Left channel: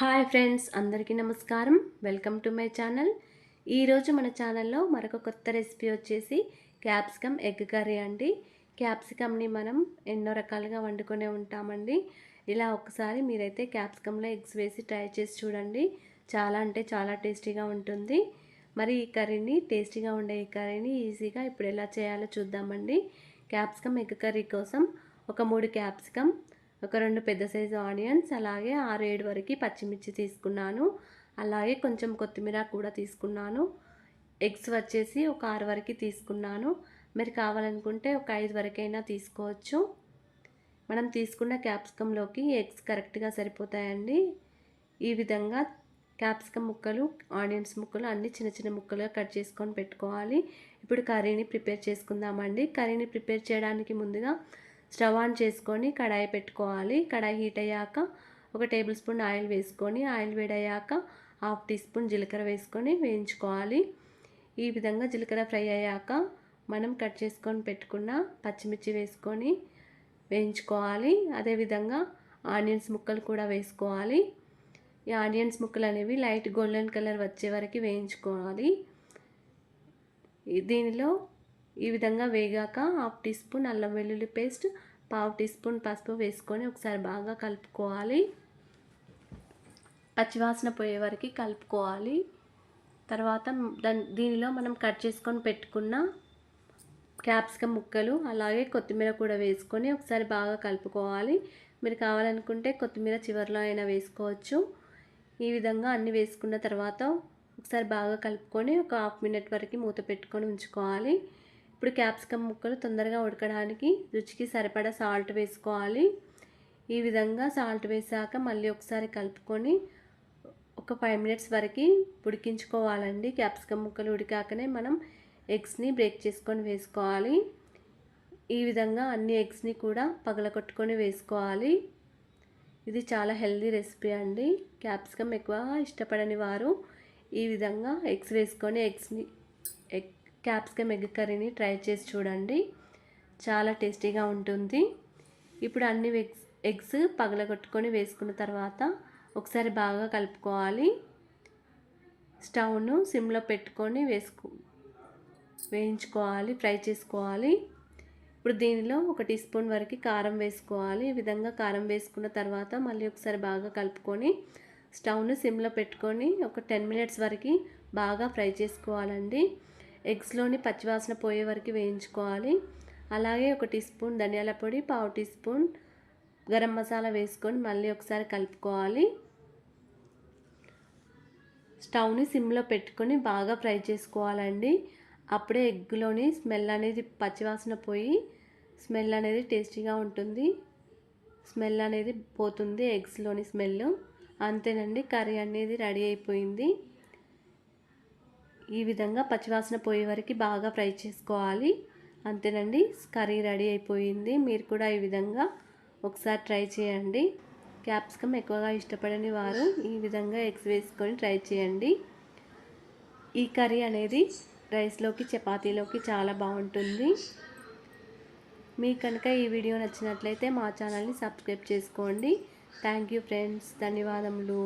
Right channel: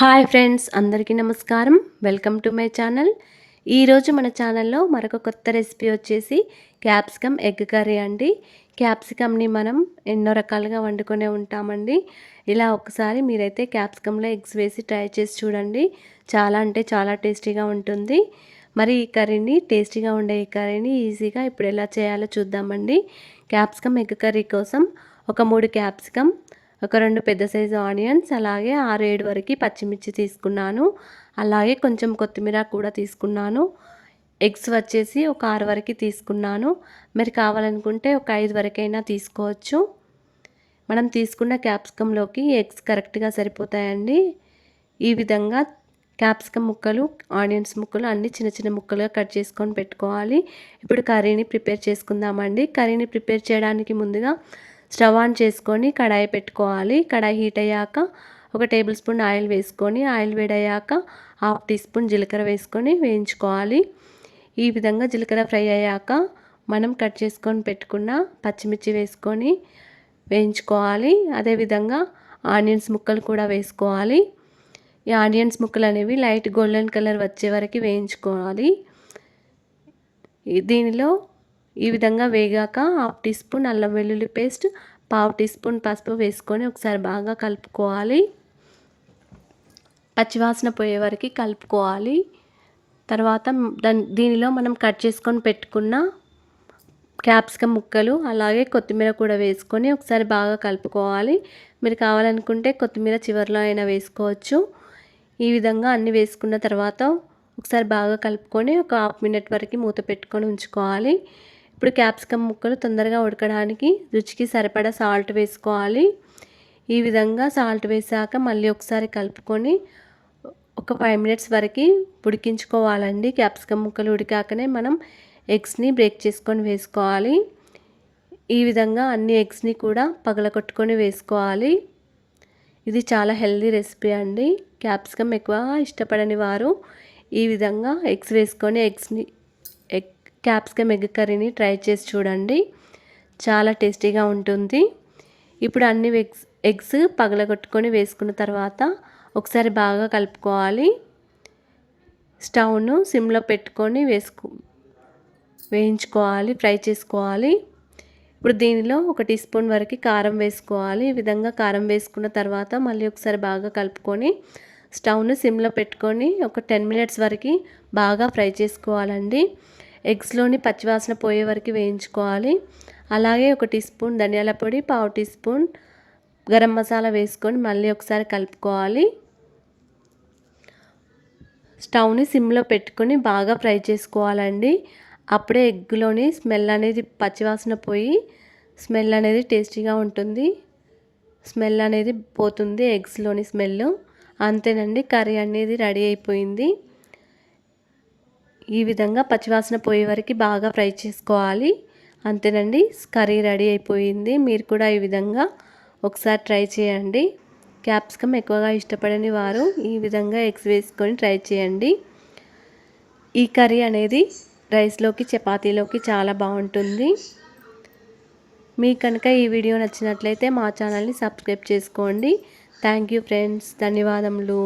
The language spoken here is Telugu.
హాయ్ ఫ్రెండ్స్, అందరికీ నమస్కారం. Welcome to my channel. ఈరోజు మన ఛానల్లో మరొక కొత్త రెసిపీ వచ్చేసి క్యాప్సికమ్ ఎగ్ కర్రీ అండి. క్యాప్సికమ్ని మనం ఎన్నో రకాలుగా వండుకునే ఉంటామండి. ఇలా ఒకసారి మీరైతే క్యాప్సికంలో ఎగ్స్ వేసి ట్రై చేసి చూడండి. చాలా అంటే చాలా టేస్టీగా ఉంటుంది. మరి ఈ కర్రీని టేస్టీగా ఉండే ఈ కర్రీని ఈజీగా ఇప్పుడు ఎలా చేయాలో చూద్దామండి. క్యాప్సికమ్ ఎగ్ కర్రీ కోసం ఒక 3 క్యాప్సికమ్, ఒక 2 పెద్ద సైజు ఆనియన్స్, అలాగే 6, 7 వరకు పచ్చిమిర్చి తీసుకున్నాను. అలాగే కొంచెం కొత్తిమీర కూడా తీసుకున్నాను. ఎగ్స్ వచ్చేసి ఒక 6 వరకు తీసుకున్నాను. మీరు కావాలనుకుంటే ఒక 5 వరకైనా తీసుకోవచ్చు. మనం తీసుకున్న క్యాప్సికంలోకి ఎగ్స్ కరెక్ట్గా సరిపోతాయండి. ఈ విధంగా క్యాప్సికమ్ ముక్కలు, ఆనియన్స్ ముక్కలు అన్నీ చిన్న చిన్న ముక్కలుగా కట్ చేసుకొని పెట్టుకోవాలి. ఇప్పుడు కర్రీని ప్రిపేర్ చేసుకుందామండి. కర్రీని ప్రిపేర్ చేయడానికి ముందుగా స్టవ్ ఆన్ చేసుకొని కడాయి పెట్టుకోవాలి. కడాయి హీట్ అయ్యాక ఒక టేబుల్ స్పూన్ ఆయిల్ వేసుకొని, ఆయిల్ వేడయ్యాక 1/2 టీ స్పూన్ జీలకర్ర వేసుకొని వేయించుకోవాలి. ఈ విధంగా జీలకర్ర ఫ్రై అయ్యాక మనం కట్ చేసుకొని పెట్టుకున్న పచ్చిమిర్చి వేసుకొని వేయించుకోవాలి. అదేవిధంగా ఆనియన్స్ ముక్కలు కూడా వేసుకోవాలి. ఈ ఆనియన్స్ ముక్కలు అనేవి లైట్ గోల్డెన్ కలర్ వచ్చే వరకు వేయించుకోవాలి. దీనిలో ఈ విధంగా వేగాక 1/2 టీ స్పూన్ అల్లం వెల్లుల్లి పేస్ట్, 1/2 టీ స్పూన్ పసుపు వేసుకొని ఒకసారి బాగా కలుపుకోవాలి. పచ్చివాసన పోయే వరకు కలుపుకోవాలి. తర్వాత దీనిలో మనం కట్ చేసుకొని పెట్టుకున్న క్యాప్సికమ్ ముక్కలు, అలాగే కొత్తిమీర కూడా వేసుకొని ఒకసారి బాగా కలుపుకోవాలి. మీరు కావాలనుకుంటే కొత్తిమీర చివరిలో అయినా వేసుకోవచ్చు. ఈ విధంగా అన్నీ వేసుకున్న తర్వాత ఒకసారి బాగా కలుపుకొని ఒక 1/2 మినిట్ వరకు మూత పెట్టుకొని ఉంచుకోవాలి. ఇప్పుడు క్యాప్సికమ్ ముక్కలు తొందరగా ఉడకడానికి రుచికి సరిపడా సాల్ట్ వేసుకోవాలి. ఈ విధంగా సాల్ట్ వేసాక మళ్ళీ ఒకసారి కలుపుకొని ఒక 5 మినిట్స్ వరకు ఉడికించుకోవాలండి. క్యాప్సికమ్ ముక్కలు ఉడికాకనే మనం ఎగ్స్ని బ్రేక్ చేసుకొని వేసుకోవాలి. ఈ విధంగా అన్ని ఎగ్స్ని కూడా పగలగొట్టుకొని వేసుకోవాలి. ఇది చాలా హెల్దీ రెసిపీ అండి. క్యాప్సికమ్ ఎక్కువ ఇష్టపడని వారు ఈ విధంగా ఎగ్స్ వేసుకొని క్యాప్సికమ్ ఎగ్ కర్రీని ట్రై చేసి చూడండి. చాలా టేస్టీగా ఉంటుంది. ఇప్పుడు అన్ని ఎగ్స్ పగలగొట్టుకొని వేసుకున్న తర్వాత ఒకసారి బాగా కలుపుకోవాలి. స్టవ్ను సిమ్లో పెట్టుకొని వేయించుకోవాలి, ఫ్రై చేసుకోవాలి. ఇప్పుడు దీనిలో 1 టీ స్పూన్ వరకు కారం వేసుకోవాలి. ఈ విధంగా కారం వేసుకున్న తర్వాత మళ్ళీ ఒకసారి బాగా కలుపుకొని స్టవ్ను సిమ్లో పెట్టుకొని ఒక 10 మినిట్స్ వరకు బాగా ఫ్రై చేసుకోవాలండి. ఎగ్స్లోని పచ్చివాసన పోయే వరకు వేయించుకోవాలి. అలాగే 1 టీ స్పూన్ ధనియాల పొడి, 1/2 టీ స్పూన్ గరం మసాలా వేసుకొని మళ్ళీ ఒకసారి కలుపుకోవాలి. స్టవ్ని సిమ్లో పెట్టుకొని బాగా ఫ్రై చేసుకోవాలండి. అప్పుడే ఎగ్లోని స్మెల్ అనేది పచ్చివాసన పోయి స్మెల్ అనేది టేస్టీగా ఉంటుంది. స్మెల్ అనేది పోతుంది, ఎగ్స్లోని స్మెల్. అంతేనండి, కర్రీ అనేది రెడీ అయిపోయింది. ఈ విధంగా పచ్చివాసన పోయే వరకు బాగా ఫ్రై చేసుకోవాలి. అంతేనండి, కర్రీ రెడీ అయిపోయింది. మీరు కూడా ఈ విధంగా ఒకసారి ట్రై చేయండి. క్యాప్సికమ్ ఎక్కువగా ఇష్టపడని వారు ఈ విధంగా ఎగ్స్ వేసుకొని ట్రై చేయండి. ఈ కర్రీ అనేది రైస్లోకి, చపాతీలోకి చాలా బాగుంటుంది. మీకు కనుక ఈ వీడియో నచ్చినట్లయితే మా ఛానల్ని సబ్స్క్రైబ్ చేసుకోండి. థ్యాంక్ యూ ఫ్రెండ్స్, ధన్యవాదములు.